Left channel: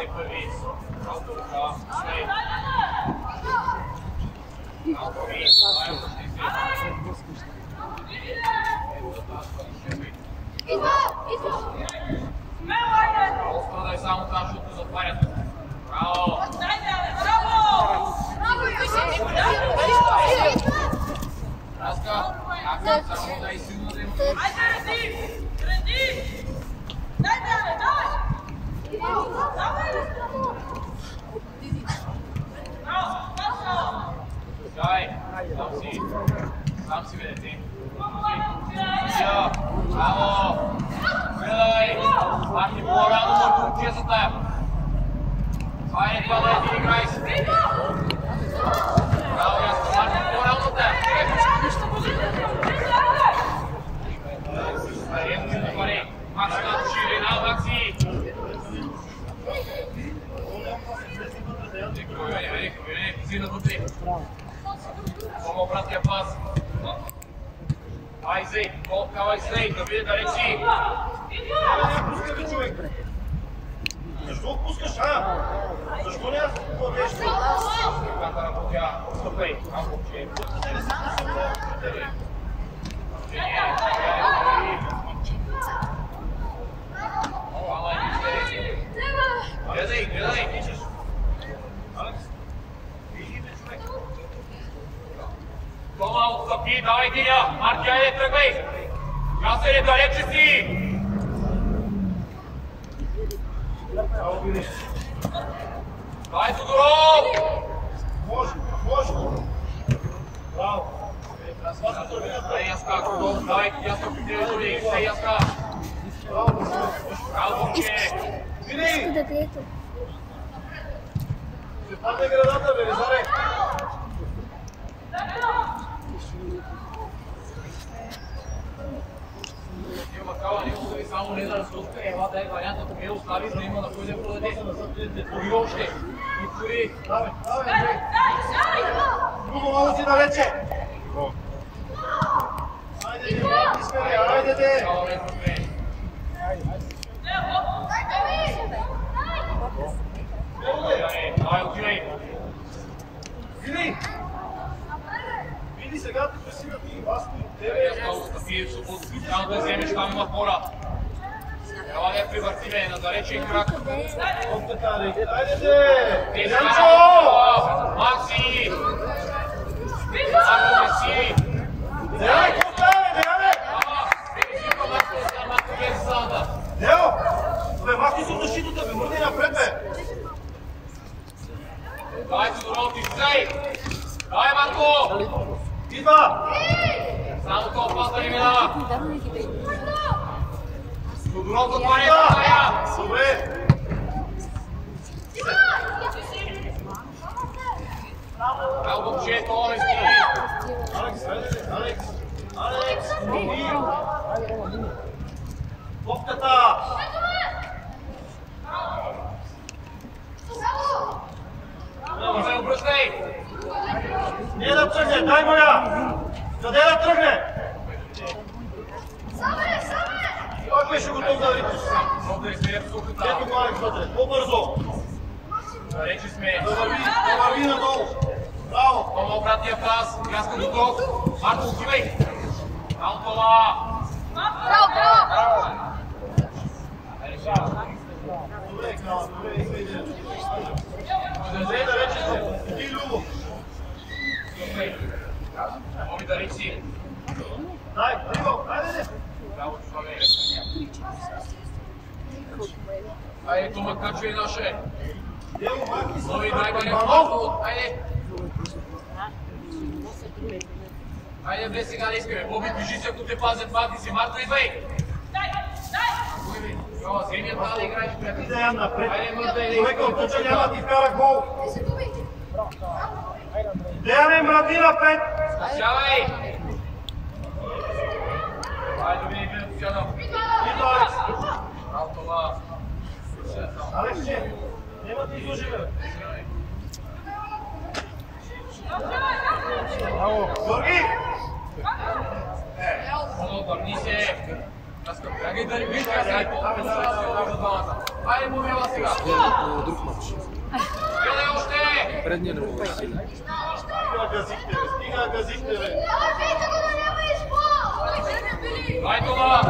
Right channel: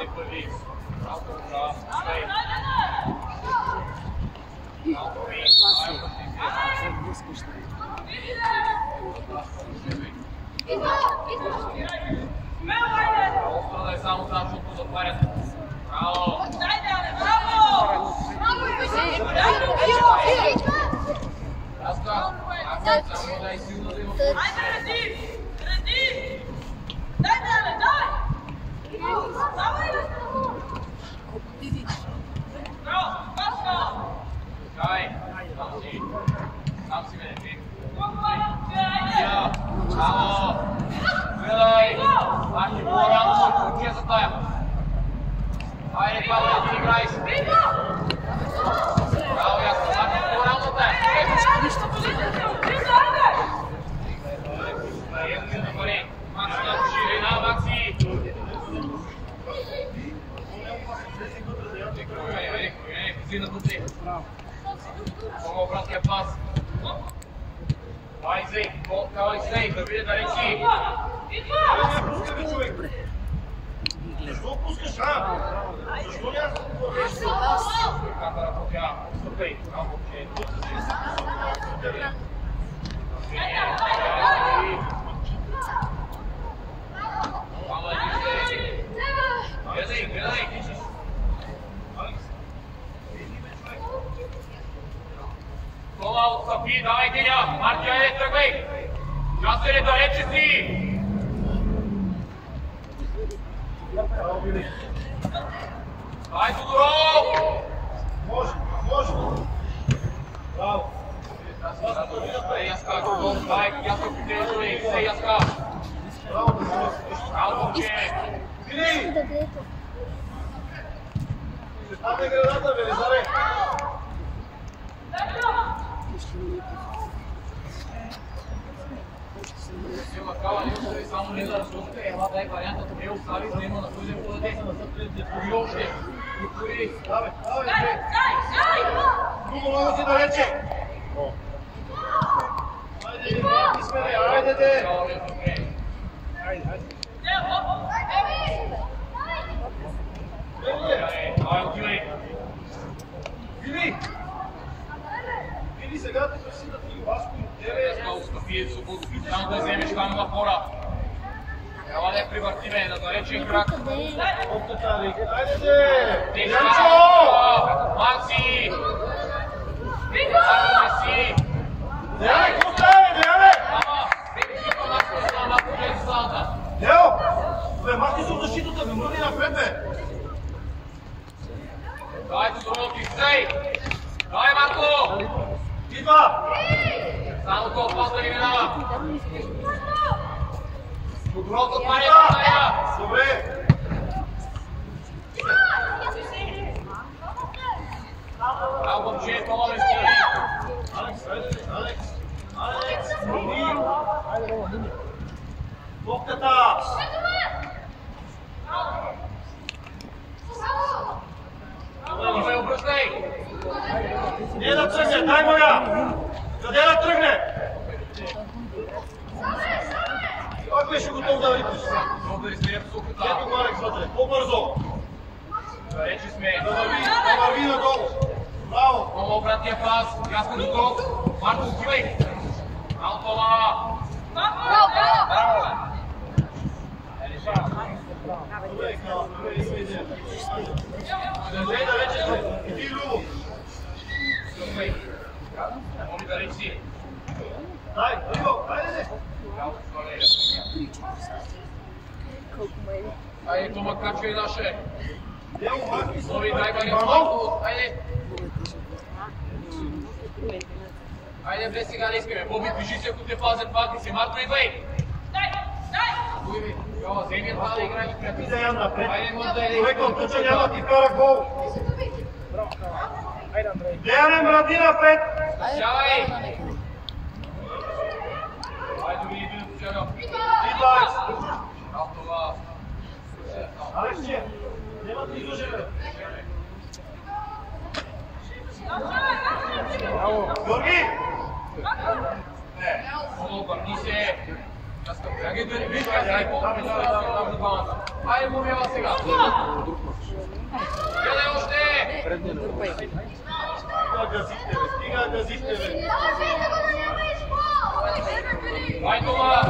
Ти първи. Малко ръка. Шлей. Малко ви. Остана е само там, защото затварят. Браво! Раска, ако само да е силно да има... Давай, сам си бе, ти. Браво! Гледай! Марти по-рано му учи за тая. Хайде, Павле, ти играй си. Браво, ясно, Марти по-рано за тая. Ето ми пари. Макси на ширина, Макси! Вине, позина вътре. Помо обратния пас. Дай Зей, кавай Зей, да види да речи. Не пускай бе, човек. Защо пускаш, а? Защо няма да кладеш? Когато работя, отстъпай. Малко, че. Мала е Зей. Гледай, тичаш. Тома отстъпи, давай Диня! Марти, айде тръгай! Ясен е далече си! Дай Тодоров! Може! Браво! Дай Яска, Тодоров, дай Яска, питай, дай Яска! Браво! Браво, момче! Вини! Се падне градата, бе, Лизаре! Не остави само не да разсуска, ела дай вариантът, не остави, за да има на кой да подаде. Пори още! И пори! Давай, Андрей! Много си далече! Айде, Марти сме, айде, де! Давай, отивай! Вини сега те пресинат и Васко и тебе. Яска, отстъпи, само да вземеш там на фора. Ела да я привъртиме на далечен крак. Опта, айде, де! Янчо! Макси! Ако не си! Деяне, какво става, бе, Деяне? Део! Бе, махни се от защитата, бе, мърни напред, бе! Дай Тодоров, ти сей! Дай, Марко! Идва! Само това пас да ни минава! Тодоров да това не е Идва! тайга! Добре! Браво, момче, това не стиги! Алекс, айде, Алекс! Алекс, мърни! Топката! Добре, обръщай! Не да тръгне, дай моя! Къде да тръгне? Той беше готов да ритиш. Много да се в сухата. Ето го, Алекс, вътре. По-бързо. Далече сме. Да върви надолу. Браво! Тома обратния пас. Ясно готов. Марко, отивай. Браво, Тома. Браво! Добре, Кнала, добре, има идея. Държей да вече сте. И ти, Любо. Моми да речи. Дай, Любо, айде не. Браво, човек. Айде, Тома, качвай наше. Дело, махни се. Нови най-бърни Иванов. Марко. Айде. Айде, бе, сега не искаме. Боби, движи се, ако те пазят пази си. Марко, идвай. Йо, вземи това да играеш, приятел. И да я напред. Айде, мърда, айде. Човека от туча няма ти вкара гол. Деяне, мради напред. Сядай! Айде, види един официално. Идва, Алекс. Браво, това. Алекс, че? Няма да излъжи, бе. Георги! Много, върни се. Виж как се е по-добре за двамата. Айде, момела сега. Гледай още! Стига газихте, бе. Дай това!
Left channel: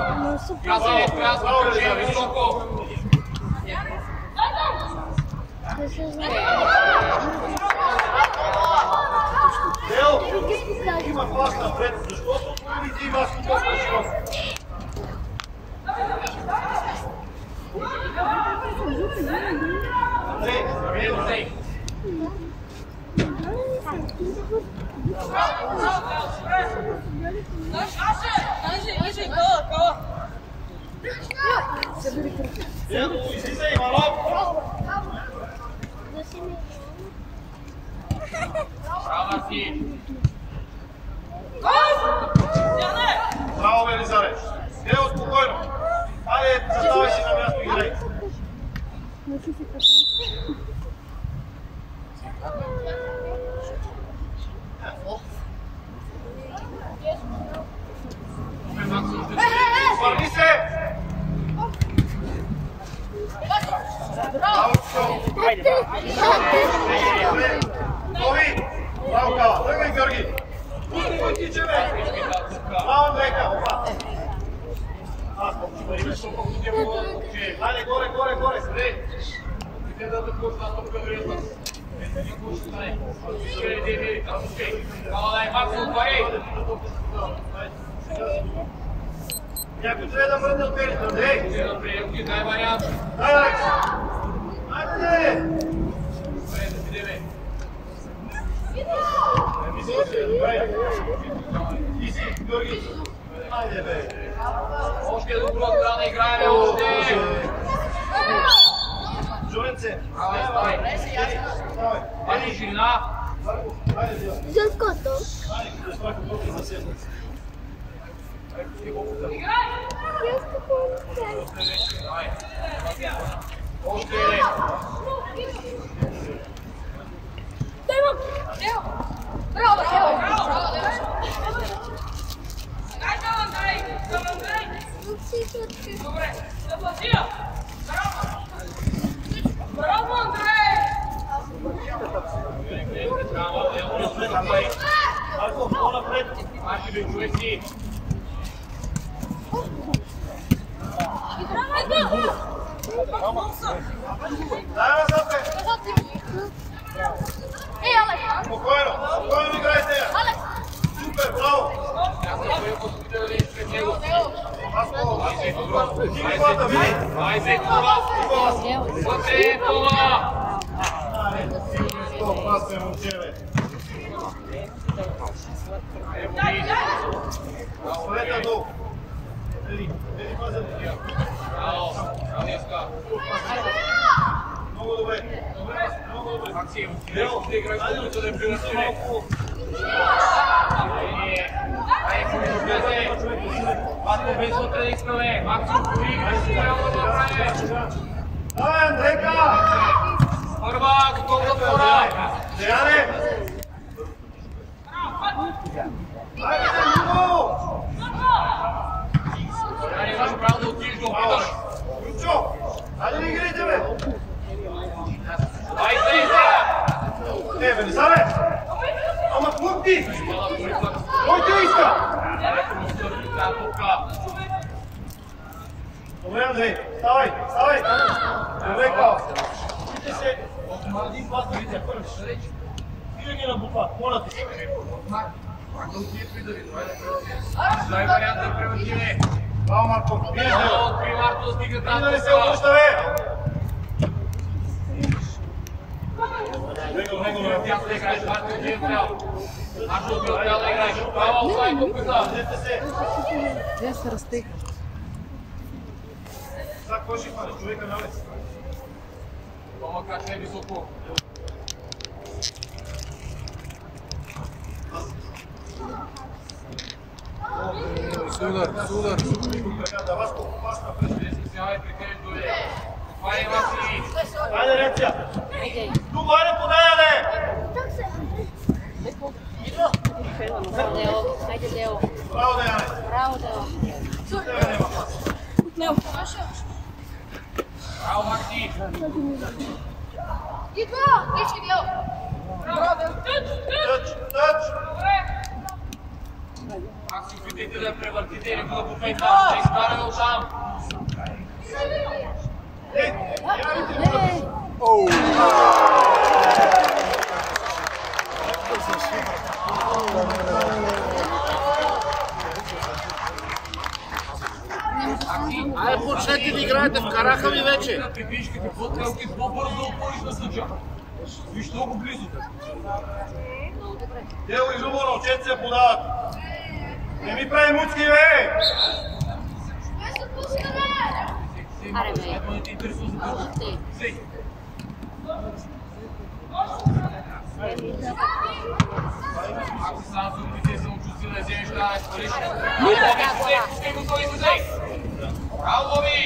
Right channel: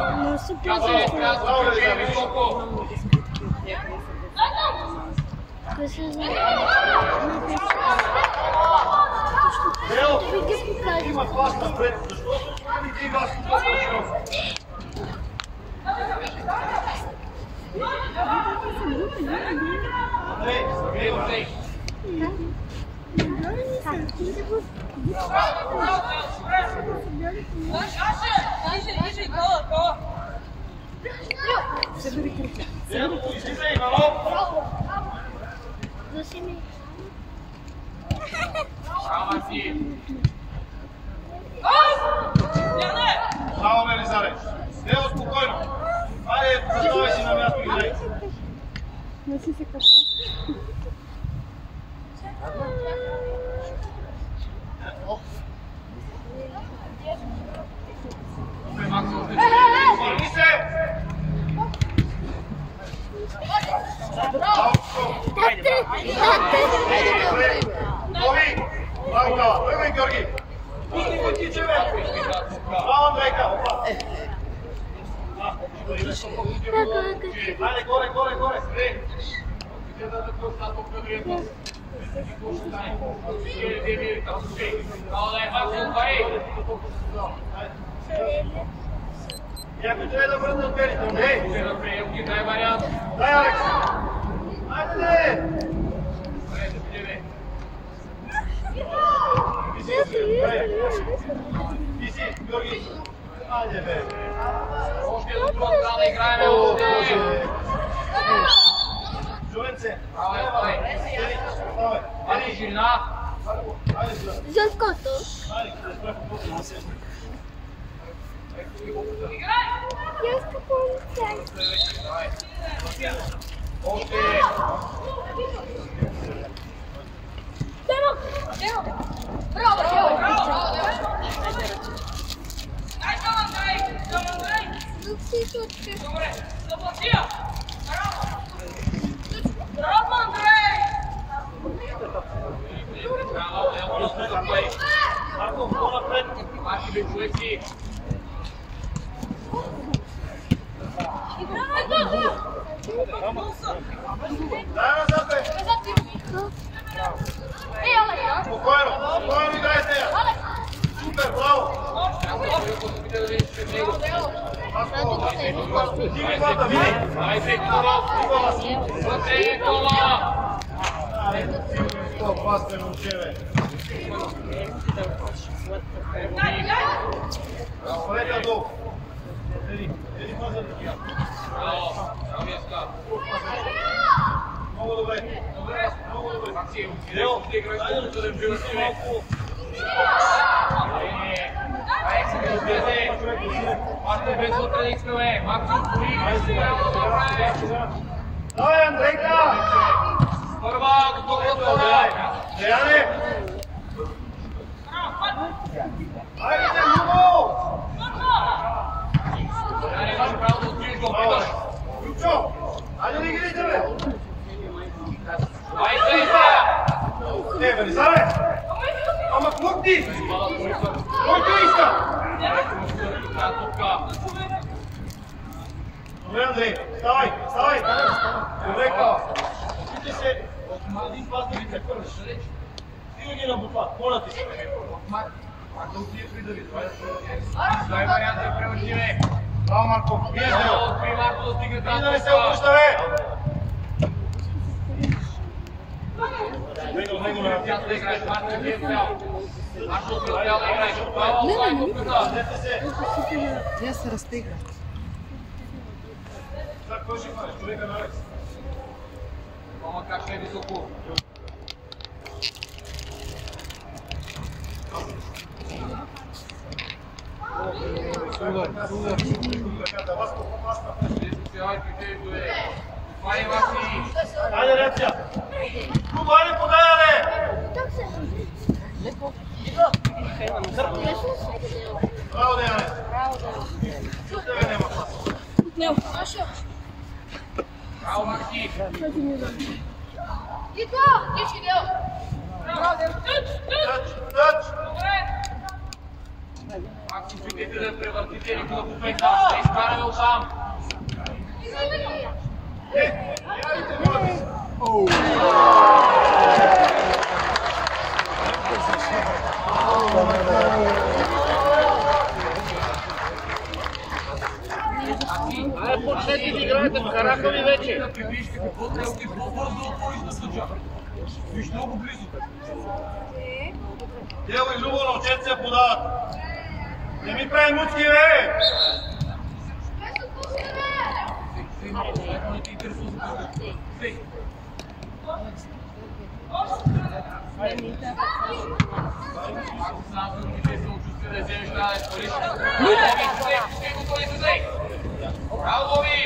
Тя се изказва, че е високо. Део, има пас напред, защото отворите и вас толкова широко. Андрей, Део, излизай, Иванов! Рамаси! Браво, Велизаре! Део, спокойно! Айде, заставай си на място и играй! Върни се! Браво, Тови! Браво, Кала! Тръгвай, Георги! Пусти тиче, бе! Браво, Андрейка! Опа! Айде, горе! Стрей! Да такъв на топка другия път. Какво ще стане? Кала дай Максо, пари! Някой трябва да върне от перите, Андрей! Ще да приемки, дай вариант. Дай, Алекс! Айде! Добре, да видиме. Ти си, Георги! Айде, бе! Още е добро, трябва да играем още! Журенце! Ставай! Пати ширина! За ското? Айде, да спрахме после за седмица. Я ското. Още! Добре, Браво, Андрей! Марко, по-напред! Паши бе, човек си! Дай назад, бе! Спокойно играй с нея! Супер, браво! Дигни главата, види! Дай се, това! Вътре, това! Айде, сигурно и 100 пасте, момче, бе! Оставете долу! Еди, пазя да тия! Браво! Браво! Много добре! Много добре! Максим, ще играй с да не превърти, бе! Ако без вътре да искаме, Максим, кори, трябва да направи! Давай, Андрейка! Първа, готов за втора! Деяне! Айде, Любо! Деяне, имаш право да отидеш да опиташ! Любчо! Айде ли игрите, бе? Дай се, Иза! Бе, Велизаре! Ама клъпти! Кой те иска? Добре, Андрей, ставай! Добре, Кала! Вижте се, един пас да видите първи. Стига ги на бутва, моля ти се. Дай вариант да превъртиме! Браво, Марко! Вие Много откри Марко да стига да не тази се обръща, бе! Него на Тя да играеш, Марко ти е цял! Марко ти е цял да играеш! Браво, остави топката! Дете се! Я се разтех. Сега кой ще хванеш? Човека на Алекс. Тома как е високо! Судар. Ръката, Васко, пас напред. Ще се сявай при тебе до е! Отваряй Васи! Айде, реакция! Любо, айде подай, бе! Браво, Деяне! Браво, Деяне! Няма пас. Лео. Браво, Макси! Идва! Тичи, Лео! Тъч! Макси, опитайте да превъртите или по пейта, да изкараме оттам. Явите, моля ти! Айде, почнете да играете, вкараха ви вече. Да прибишка какво трелки по-бързо отвориш на съджа. Виж много близо. Дело и Любо на отчет се подават. Не ми прави муцки, бе! Ето не те интересува за това. Сей. Ако сам в руките се очувствие да вземеш тази изпалиш. Боби, пусти го той излезей! Браво, Боби!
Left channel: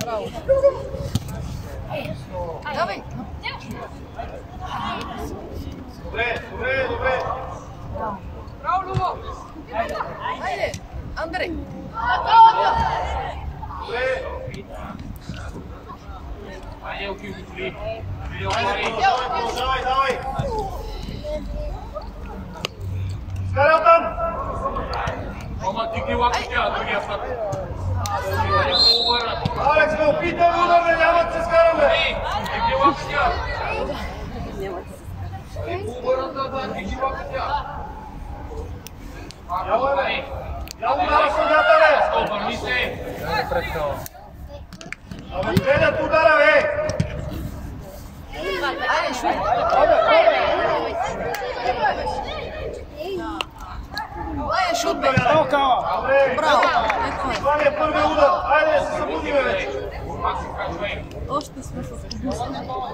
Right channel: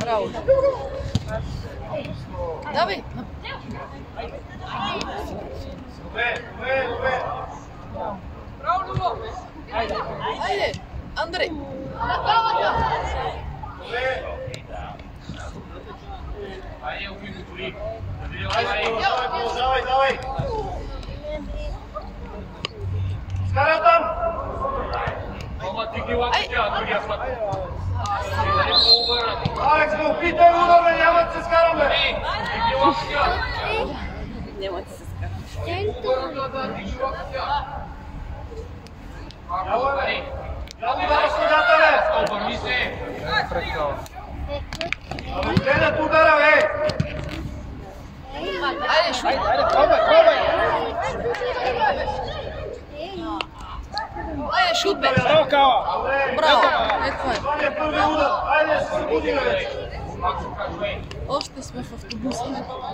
Браво. Давай. Добре. Браво, Любо. Айде, Андрей. Добре. Айде, окей, го толи. Давай. Скарал там! Ама ти ги лапи тя, другия път. Алекс, ме опитай удар, бе, няма да се скарам, бе! Ти ги лапи тя. Няма да се скара. Обърната, ти ги лапи тя. Я удара съдята, бе! Обърни се. Абе, гледат удара, бе! Айде, шуй. Айде, шут, бе. Добре! Браво. Това ни е първи удар! Айде, се събудим вече! Още сме в автобуса.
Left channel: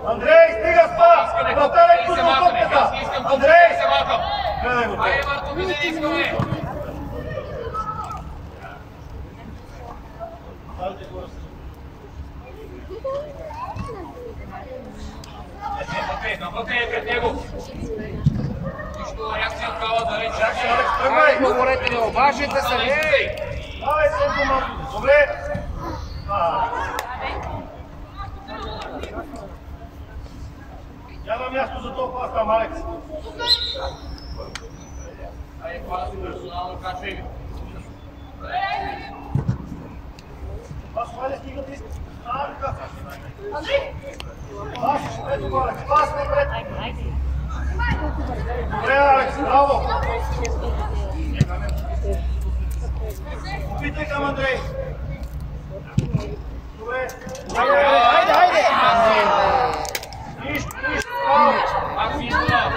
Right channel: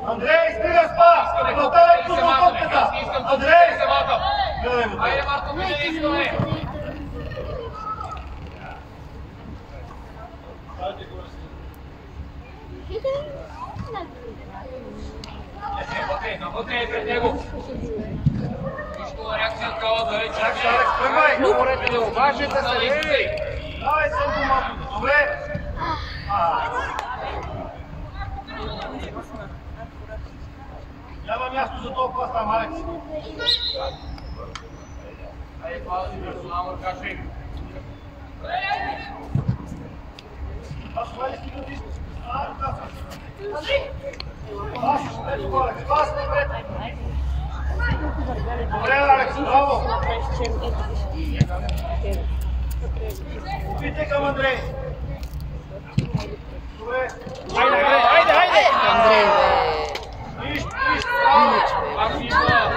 Андрей, стига спа! Наталя пусна топката! Андрей! Гледай го! Айде, Марко, ми не искаме! Навътре е пред него. Нищо реакция такава да рече. Алекс, тръгвай! Добре, не обажете се, ей! Давай, Сенко, малко! Добре! Няма място за този пас там, Алекс! Айде, хвала си персонално, качвай ви. Пас, хайде, стига ти! Пас, ето го, Алекс! Пас напред! Добре, Алекс, браво! Опитай към Андрей! Добре! Айде! Андрей, Нищо, браво! Пак си идва.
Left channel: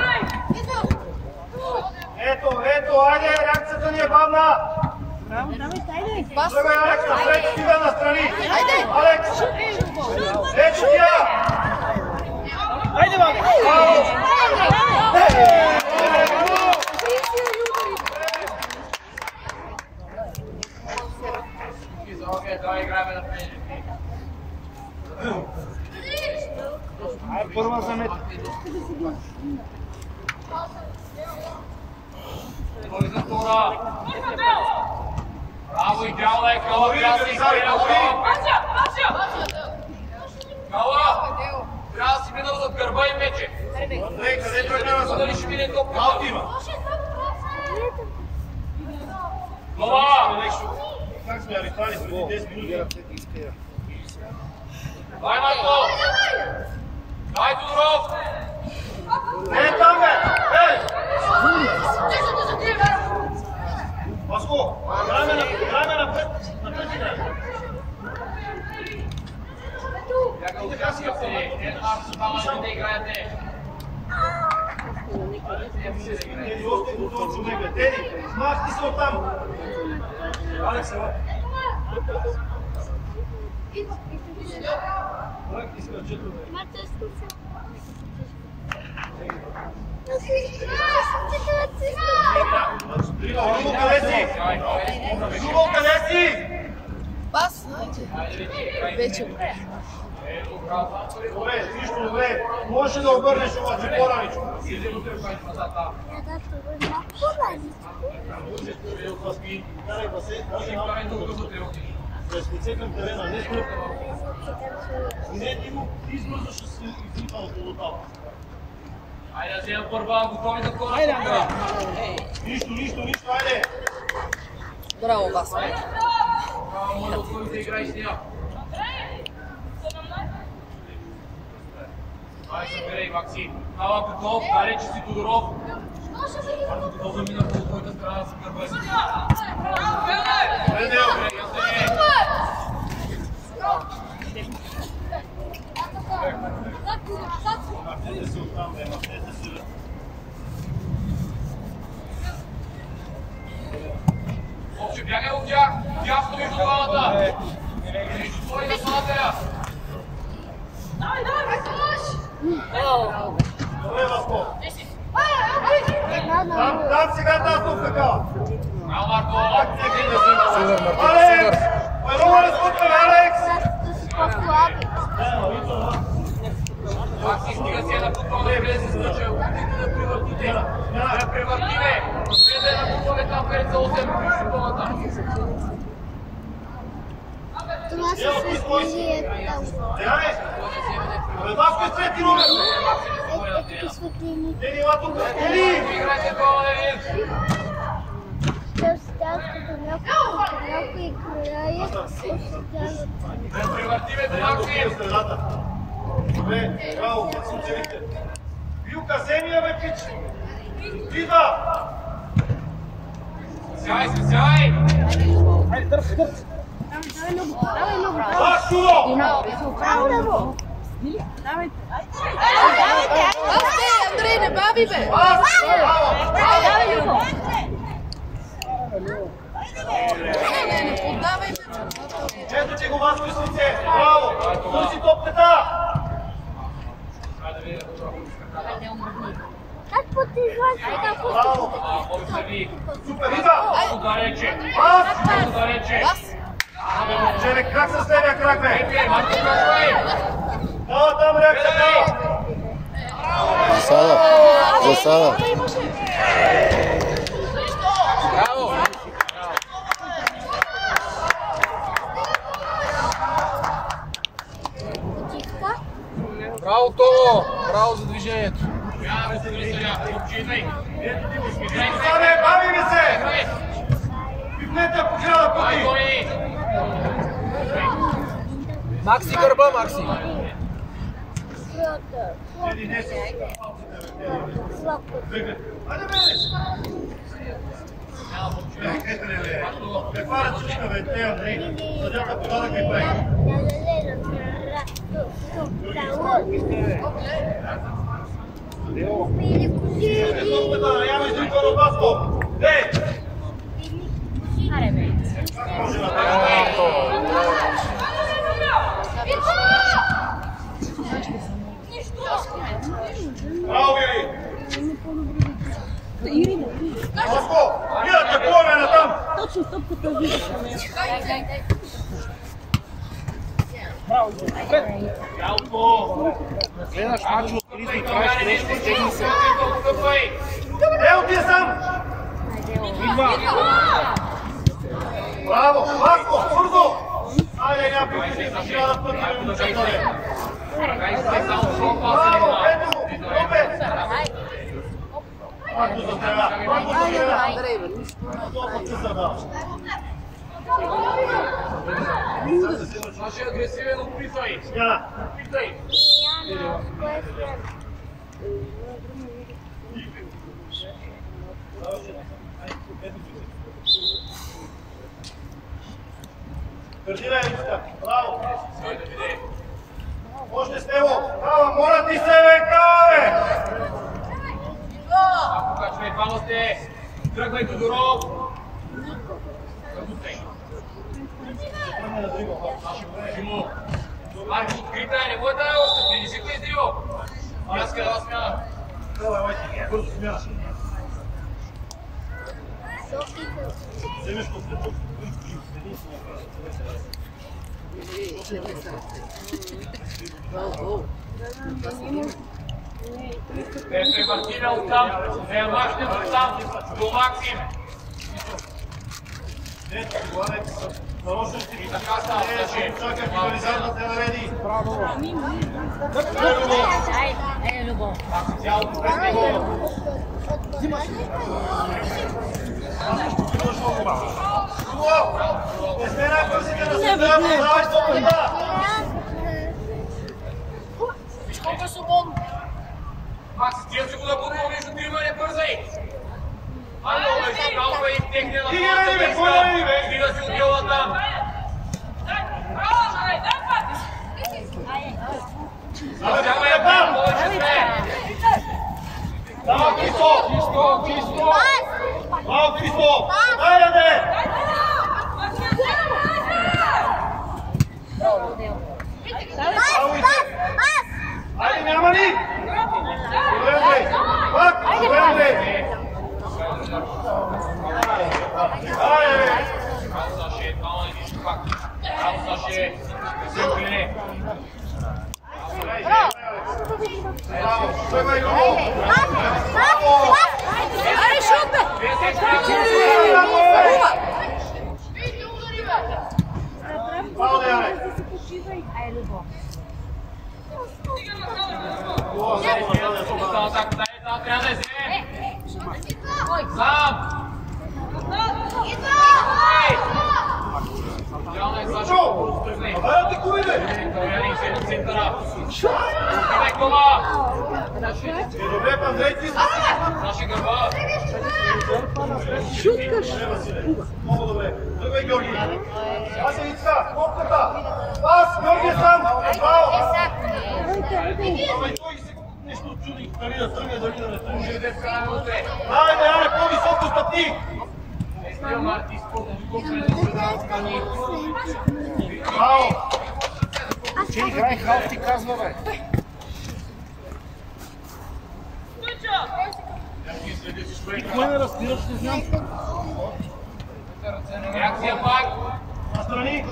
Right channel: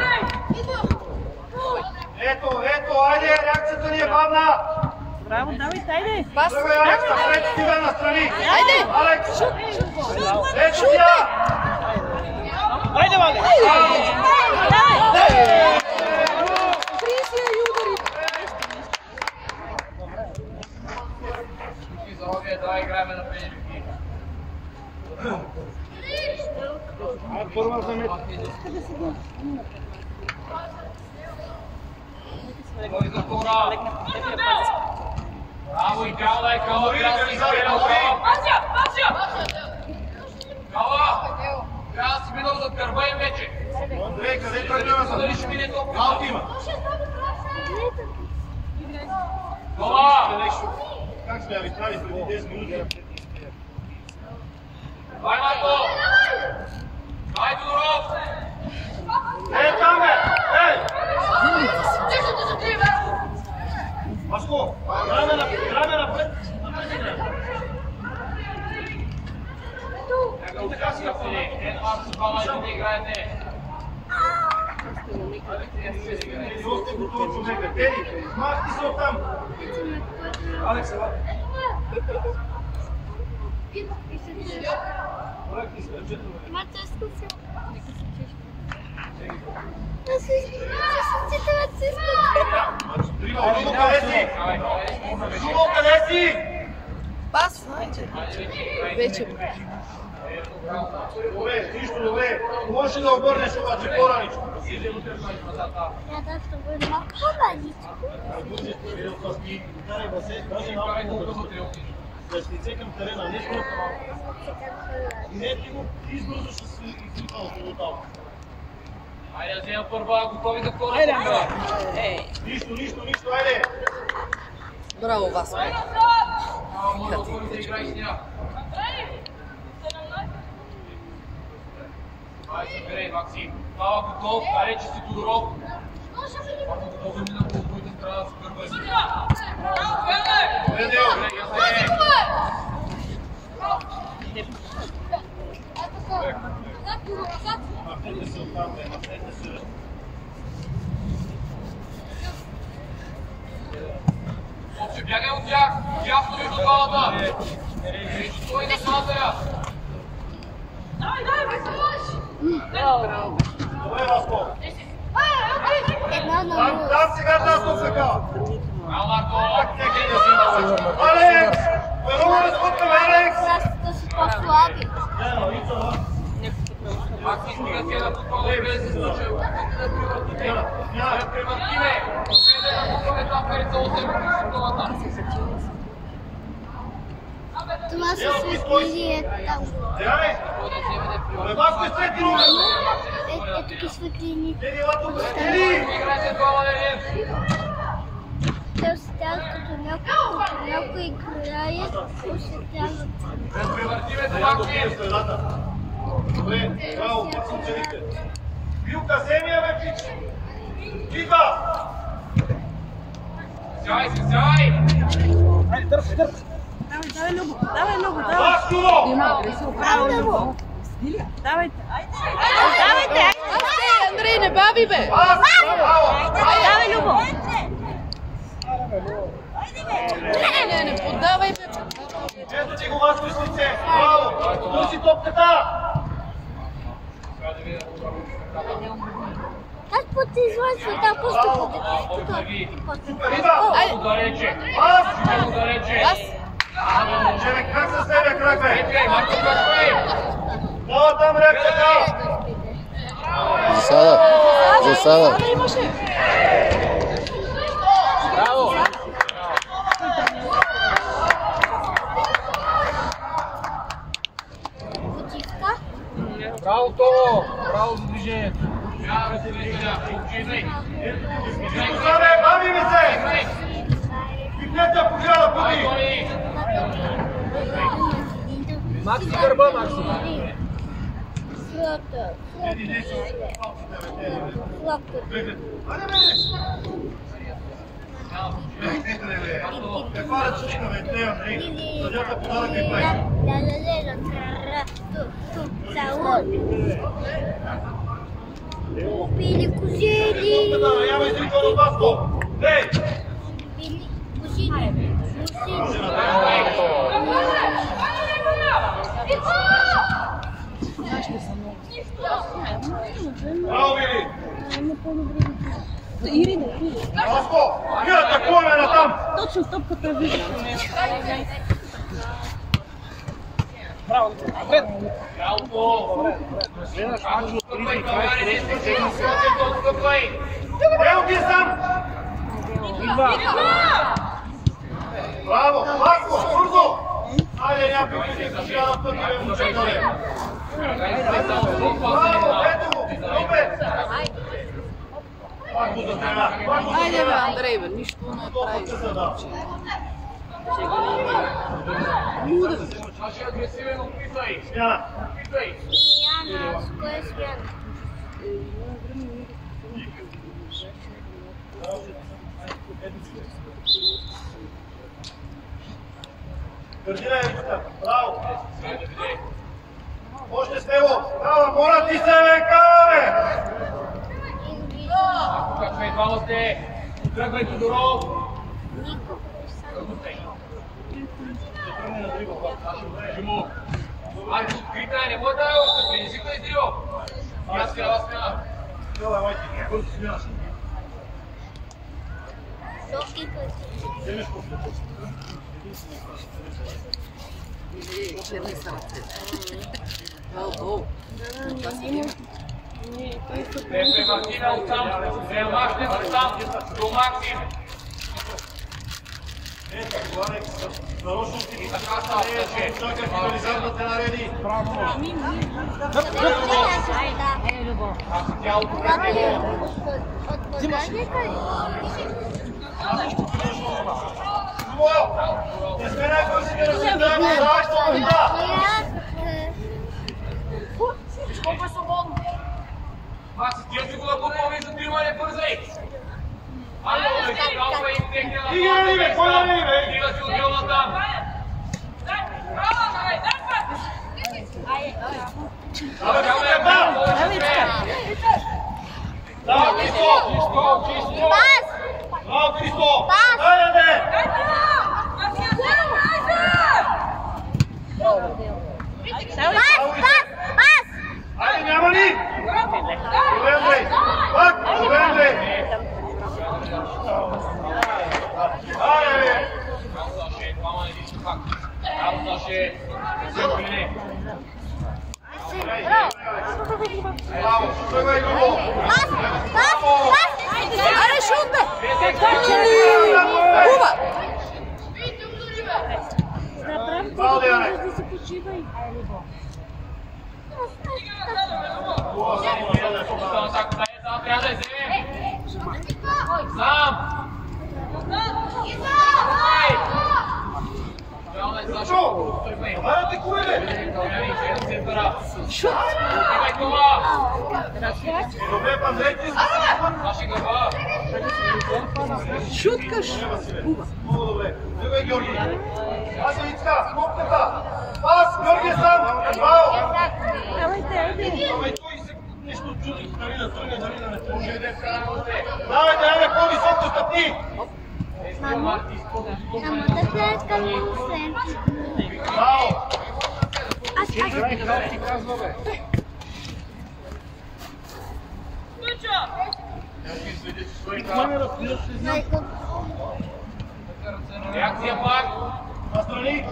Ето, айде, реакцията ни е бавна! Браво, давай, айде. Пас. Тръгвай, Алекс, напред, стига настрани! Айде! Алекс! Ето тя! Айде, Валя! Давай, играем на пенежки. Ай, първа замет. Той за втора. Браво, идеално е Кала. Кала! Трябва да си минал зад гърба им вече. Андрей, къде тръгна назад? Дали ще мине топка? Аут има. Кала! Как сме арбитрали преди 10 минути? Дай, Марко! Дай, Тодоров! Е, там, бе! Ей! Васко, играме напред. Напред играме. И така си да играете. Теди, още готов човека. Теди, мах ти се оттам. Алекс, ела. Проект ти се ръчето, бе. Любо, къде си? Любо, къде си? Пас. Вече. Добре, нищо добре. Може да обърнеш обаче по-раничко. Иде вътре в пазата. Я да се върна малко по-раничко. Карай да се, даже Карай малко тук вътре. да с лице към терена. Не ти го избързо ще се излипа от лотава. Айде да взема първа, готови да вкора. Нищо, айде! Браво, Васко. Може да отвориш да играеш с нея. Ай, събирай, Макси. Става готов, далече си Тодоров. Марко готов да мина по твоята страна с първа. Добре, ясне. Обче, бягай от тях, ясно между двамата. Между твой и нападателя. Добре, Васко! Една на Там сега тази така! Браво, Марко! Как всеки да взима лъча? Алекс! Много разпутваме, Алекс! да се послаби. Макси, стига си една подхода и без случай. Опитайте да превъртите. Да превъртиме. Следа една подхода там перед за 8 симптомата. Това се светлини там. Деяне! Васко е трети номер! Тук светлини. Ели, ела тук! Ели! Играйте двама да видим. Те стават като някой играят, осветляват. Да превъртиме Деян Макси. допие средата. Добре, браво, как се оцелихте? Вилка, вземи я, бе, пич! Идва! Сяй, сяй! Давай, Любо. Васко! Браво, Любо. Давайте. Андрей, не бави, бе. Васко! Браво! Давай, Любо. Не поддавайте. Ето ти го, Васко, с лице! Браво! Търси топката! Как потизлази да Браво! Супер, идва! Много далече. Васко! Много далече. Челе, крак с левия крак, бе! Епей, Марко, крачвай! Дава там реакцията! Засада. Браво! почивка. Браво, Томо! Браво за движението. Вярвай се, Гриселя. Обчитай. Саде, бави ми се! Пипнете я по хиляда пъти! Тони! Макси гърба, Макси! Слото. Еди, не си. Слото. Айде, бе! Каква ръчичка, бе, те, Андрей? Съдята подарък ми прави. Били кожили. Топката, няма издрикване от Васко! Ей! Били кожили. Може на тази. Браво, Вили! Васко! Вирате половина там! Точно стопката вижда. Ялко! Гледаш мач от 30-20 се. Ел ти е сам! Браво! Васко! Бързо! Айде, някой пъти за хиляда пъти да му чекаме! Браво! Ето го! Опе! Пак го застреля! Пак го Айде, бе, застреля! Андрей, бе, нищо не Това пък се задава. Наши агресивен, опитай! Смяна! Опитай! Яна, кое е смяна? Гърдина е листа! Браво! Сайде, биде! Още с него! Кава, моля ти се, бе! Кава, бе! Ако качвай, двама сте! Тръгвай, Тодоров! Тръгвай! Тръгне на дрибъл, бе. Шимо! Айде, открита е, не може да е още! Предизвикай издрибъл! Аз къде смяна! Давай, майки, бързо смяна. Вземеш топлето. Единствено. Мартина оттам, не я махнем оттам, до Максим. Ето, Иванец, нарочно ти така че чака финализар да те нареди. Максим цялото пред него. Не сме най-бързите да се дадем, давай свобода! Виж колко е свободно. Максим, тия си го да бутва между трима, не бързай! Ано, да изкалва и техния на Стига, бе, кой да види, бе? Стига си отдел на там! Давай, я повече сме! Браво, Христо! Браво, Христо! Дай, бе! Айде, няма ли? Добре, Андрей! Пак! Добре, Андрей! Айде, бе! Браво, Саше, двама не вижте пак. Браво, Саше! Силко ли не? Браво! Тръгвай, Любо! Браво! Аре, шут, бе! Браво, Деяне! Остана така, трябва да я вземе! Сам! Идеално е Саша, тръгне! Абе, те кури, бе! Центъра! Отивай кома! Добре, Андрей, ти си Саши гърба! Шуткаш! Василе. Много добре. Тръгвай, Георги. Аз съм Ицка, копката. Аз, Георги сам. Браво. Ама и той се нещо чуди. Дали да тръгне, дали да не тръгне. Може ли да е вкараме утре? Давай, да яме по-високо стъпни. Естия Марти, спортно скупване да предаване. Браво. Че играй халф ти казва, бе. Реакция пак! Настрани.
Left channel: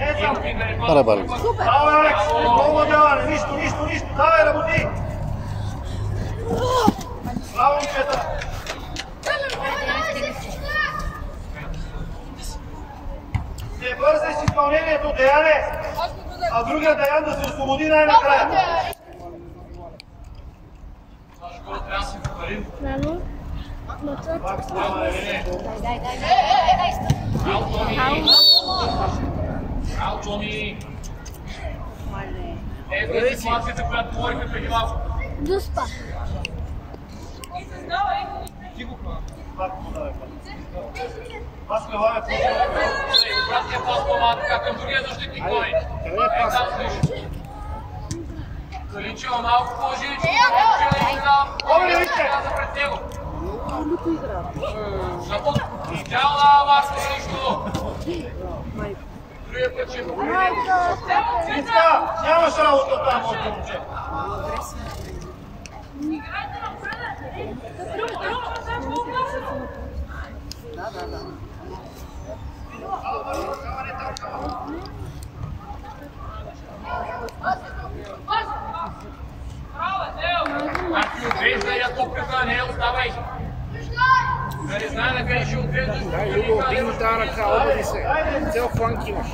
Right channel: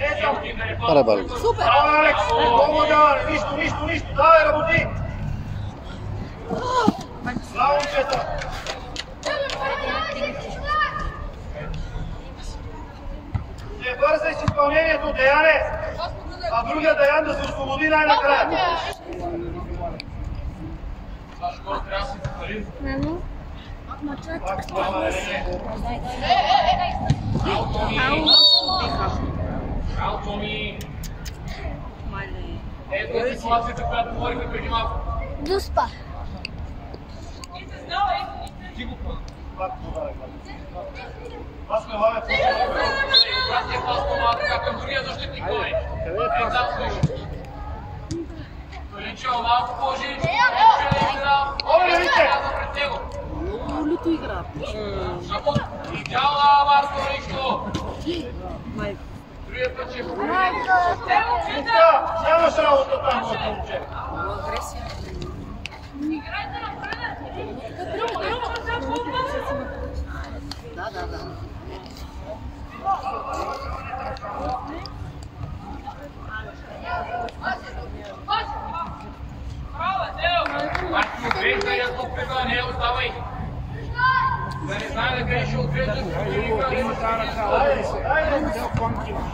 Е, сам. Аре, Барик. Браво, Алекс. Много даване. Нищо. Давай, работи. Браво, момчета. Не бързай с изпълнението, Деяне. А другия Деян да се освободи най-накрая. Сашо, горе трябва да си повторим. Пак слава, Елене. Браво, Томи! Браво, Томи! Ето е ситуацията, която говорихме преди малко. Дуспа. Пак подавай, пак. Аз ме лавя Пратия пас по-малко така към другия защитник той. Е, там слиш. Каличева малко по-жиличко. Каличева и сега. Оле, вижте! Трябва пред него. Люко игра. Защото идеална Марко нищо. Другия път ще Ицка, нямаш работа там, моето момче. Марко, отрежда и да топката, не оставай. Да не знае на къде ще отреждаш. Има тази ръка, обади се. Цел фланк имаш.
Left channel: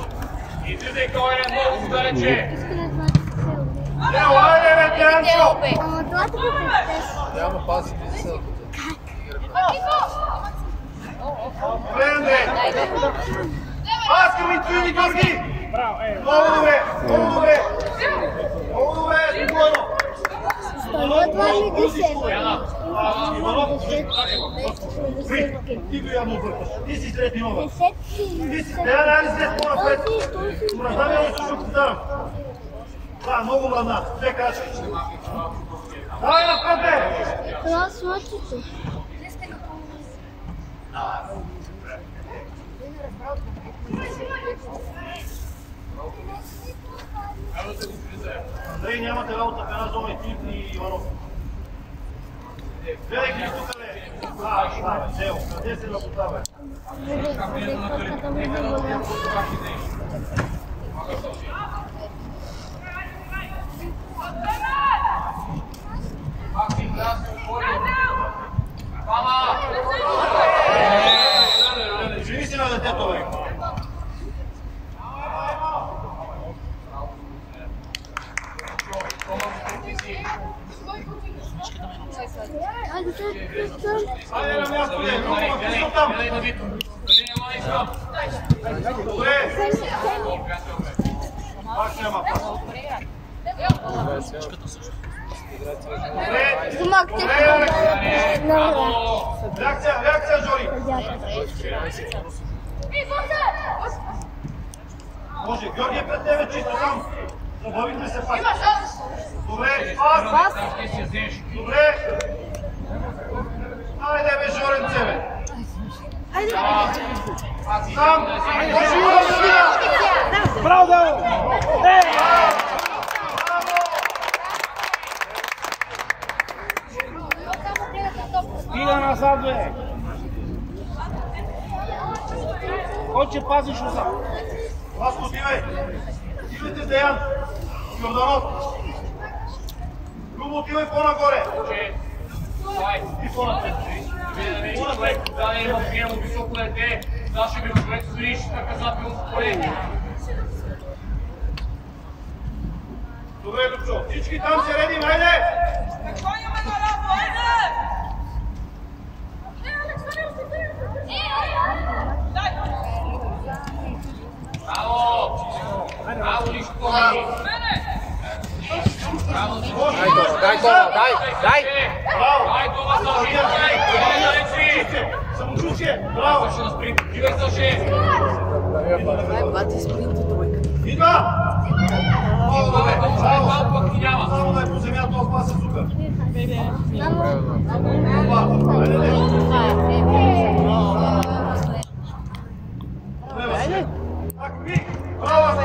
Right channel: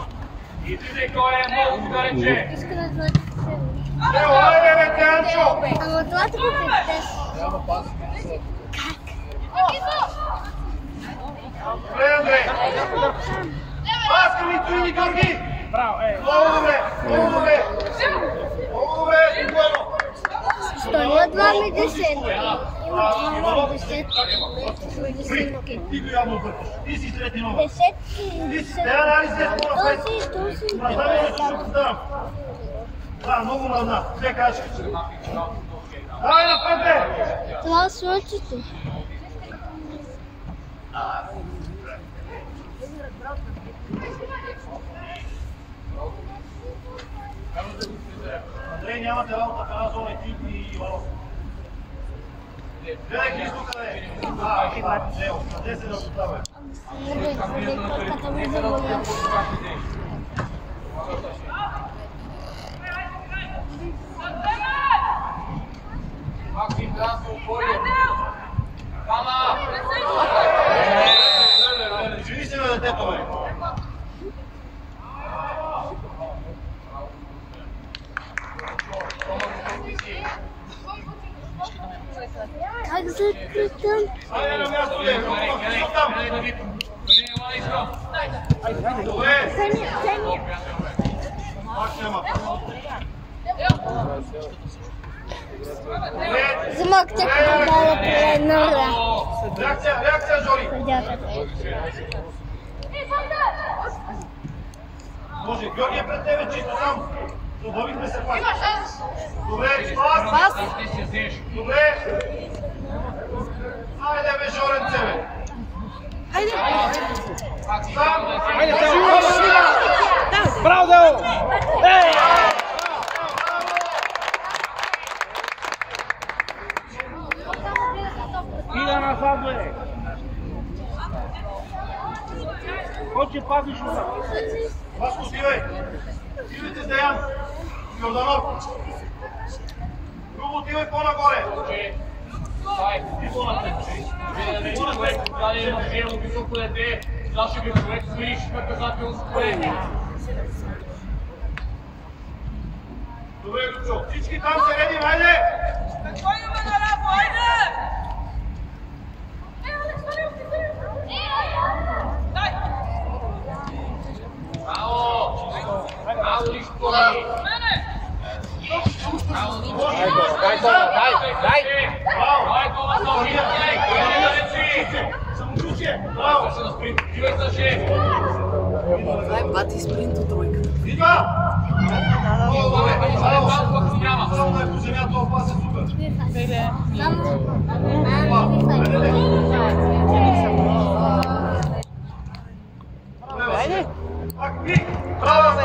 Излизай, той е много далече. Иска да двата се Ево, айде, бе, Теанчо! Ама двата го предтеш. Няма паси без съд. Добре, Андрей! Пас към Ицуили, Георги! Браво, Много добре! Много добре! Много добре! Двойно! Стоя 2,50. Иванов, Десет. ти го явно бъркаш. Ти си трети номер. Десет. Ти си, не след по-напред. Мразна ми да слушам повтарям. Да, много мразна. Две качки. Давай напред, бе! Това е слънцето. Андрей, нямате работа в една зона и ти и Иванов. Гледай ги тук, бе! Ево, къде се да поставя? Нека да отидем по това идеи. Максим, трябва да се отвори Ajde na mjesto, Pistol tam. Dobre. Baš nema. Zmog će Reakcija, Žori. Može, Georgije pred tebe, čisto sam. Dobavite se pas. Dobre, pas. Dobre. Ajde, be, Žoren, ceve. Sam. Bravo, Deo! Iga nazad, be! Hoće paziš uzad. Vasko, Stive. Stivite s Dejan. Jordanov. Ljubo, Tive, pona gore. I pona te. Човек, да има приемо високо дете, заши би човек стоиш наказателно спорение. Добре, Любчо. Всички там се редим, айде! Браво! Браво, Лишко! Дай това, дай! Браво! Дай това, Саши! Дай! Самочувствие! Браво! Саши на спринт! Живе, Саши! Идва! Това е вече малко, ако няма. Само е по земята, опасен супер. Браво!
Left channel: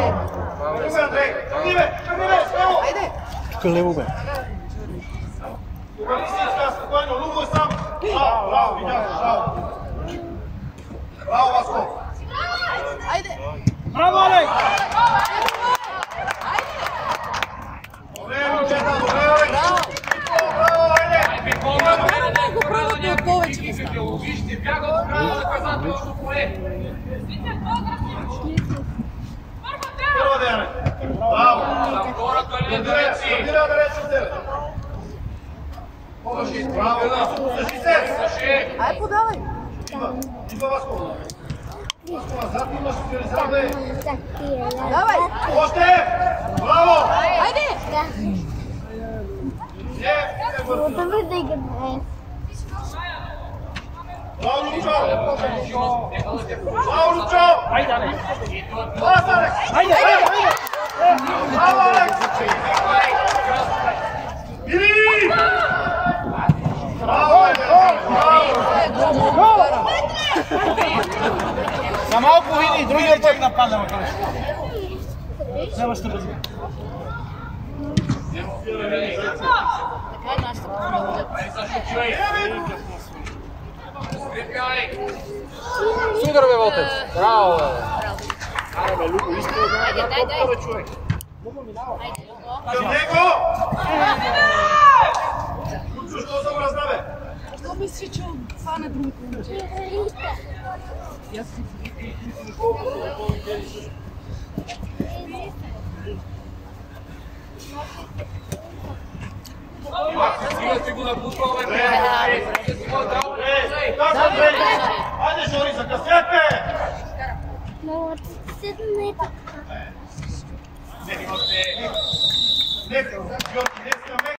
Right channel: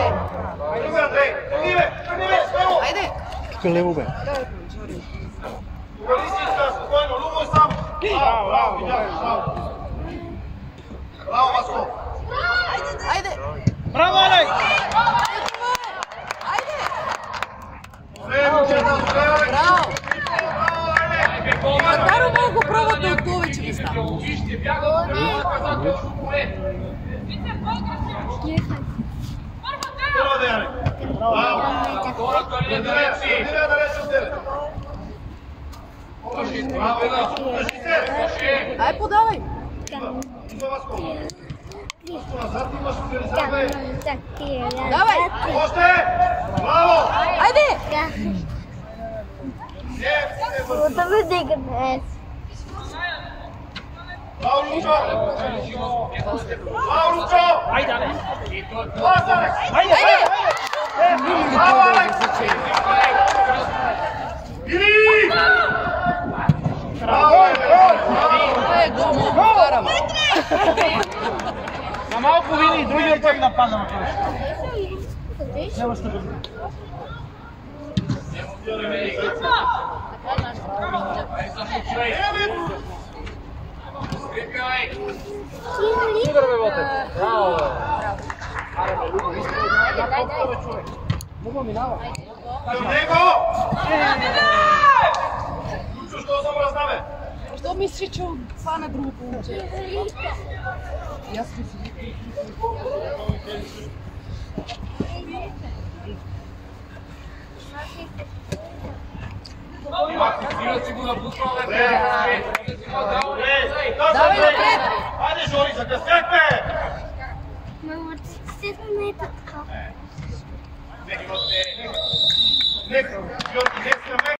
Идваме, Андрей! Тръгни, бе! Смело! Тук лево, бе. Обърни си иска, спокойно, Любо е сам. Браво, видях, браво. Браво, Васко. Браво, Алек! Добре, момчета, добре, Алек. Браво, айде. Караме го правото от повече места. Вижте, бяга от наказателно поле. Първа Деяне. Браво. Хората ли на далеци? Тръгнира далеч от тебе. Браво, слушай се. Саши! Ай, подавай! Идва Васко. Васко, назад имаш реализар, бе. Давай! Още! Браво! Айде! Браво, Лучо! Браво, Лучо! Айде, Алек! Клас, Алекс! Айде! Браво, Алекс! Или! Браво, браво! За малко вини, другия път нападаме. Няма ще бъде. Ай, Саши, човек! Скрепяй! Супер, бе, Ботев! Браво, бе! Аре, бе, Любо, иска една топка, бе, човек. Любо минава. Към него! Лучо, що забразна, бе? Що мислиш, че фана другото момче? Стига си го напуснал, бе! Айде, Жори, закъсняк, бе! Мама, седна така. Нека, Георги, десния мек.